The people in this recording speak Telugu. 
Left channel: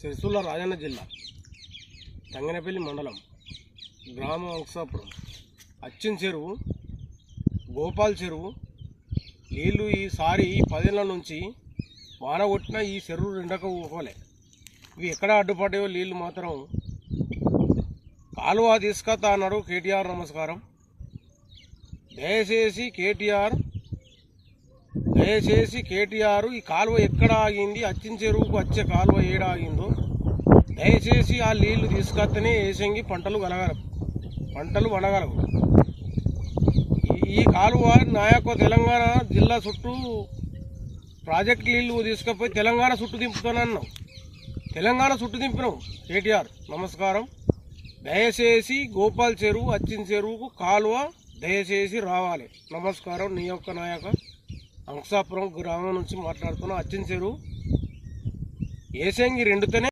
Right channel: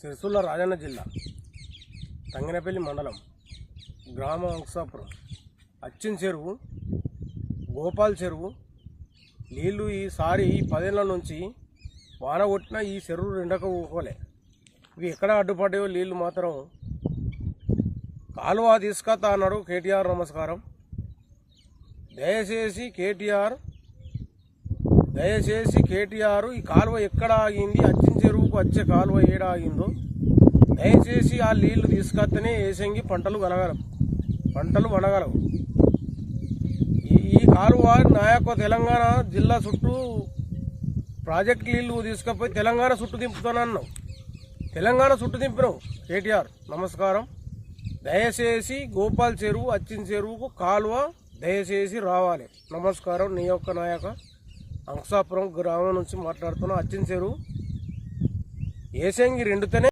సిరిసిల్ల రాజన్న జిల్లా తంగనపల్లి మండలం గ్రామం అంశాపురం అచ్చిన్ చెరువు గోపాల్ చెరువు నీళ్లు ఈసారి 10 ఏళ్ల నుంచి వాన కొట్టిన ఈ చెరువు రెండక ఊకోలే. ఇవి ఎక్కడ అడ్డుపడ్డాయో నీళ్లు మాత్రం కాలువ తీసుకొస్తా అన్నాడు కేటీఆర్. నమస్కారం. దయచేసి కేటీఆర్ ఈ కాలువ ఎక్కడ ఆగింది, అచ్చిన్ చెరువుకు వచ్చే కాలువ ఏడ ఆగిందో దయచేసి ఆ నీళ్లు తీసుకొస్తేనే ఏసంగి పంటలు వనగలవు. ఈ కాలువ నాయకు తెలంగాణ జిల్లా చుట్టూ ప్రాజెక్ట్ నీళ్లు తీసుకుపోయి తెలంగాణ చుట్టూ దింపుతానన్నావు. తెలంగాణ చుట్టూ దింపినావు కేటీఆర్. నమస్కారం. దయచేసి గోపాల్ చెరువు అచ్చిన్ చెరువుకు కాలువ దయచేసి రావాలి. నమస్కారం. నీ యొక్క నాయక అంశాపురం గ్రామం నుంచి మాట్లాడుతున్నా. అచ్చిన్ చెరువు ఏసంగి రెండుతనే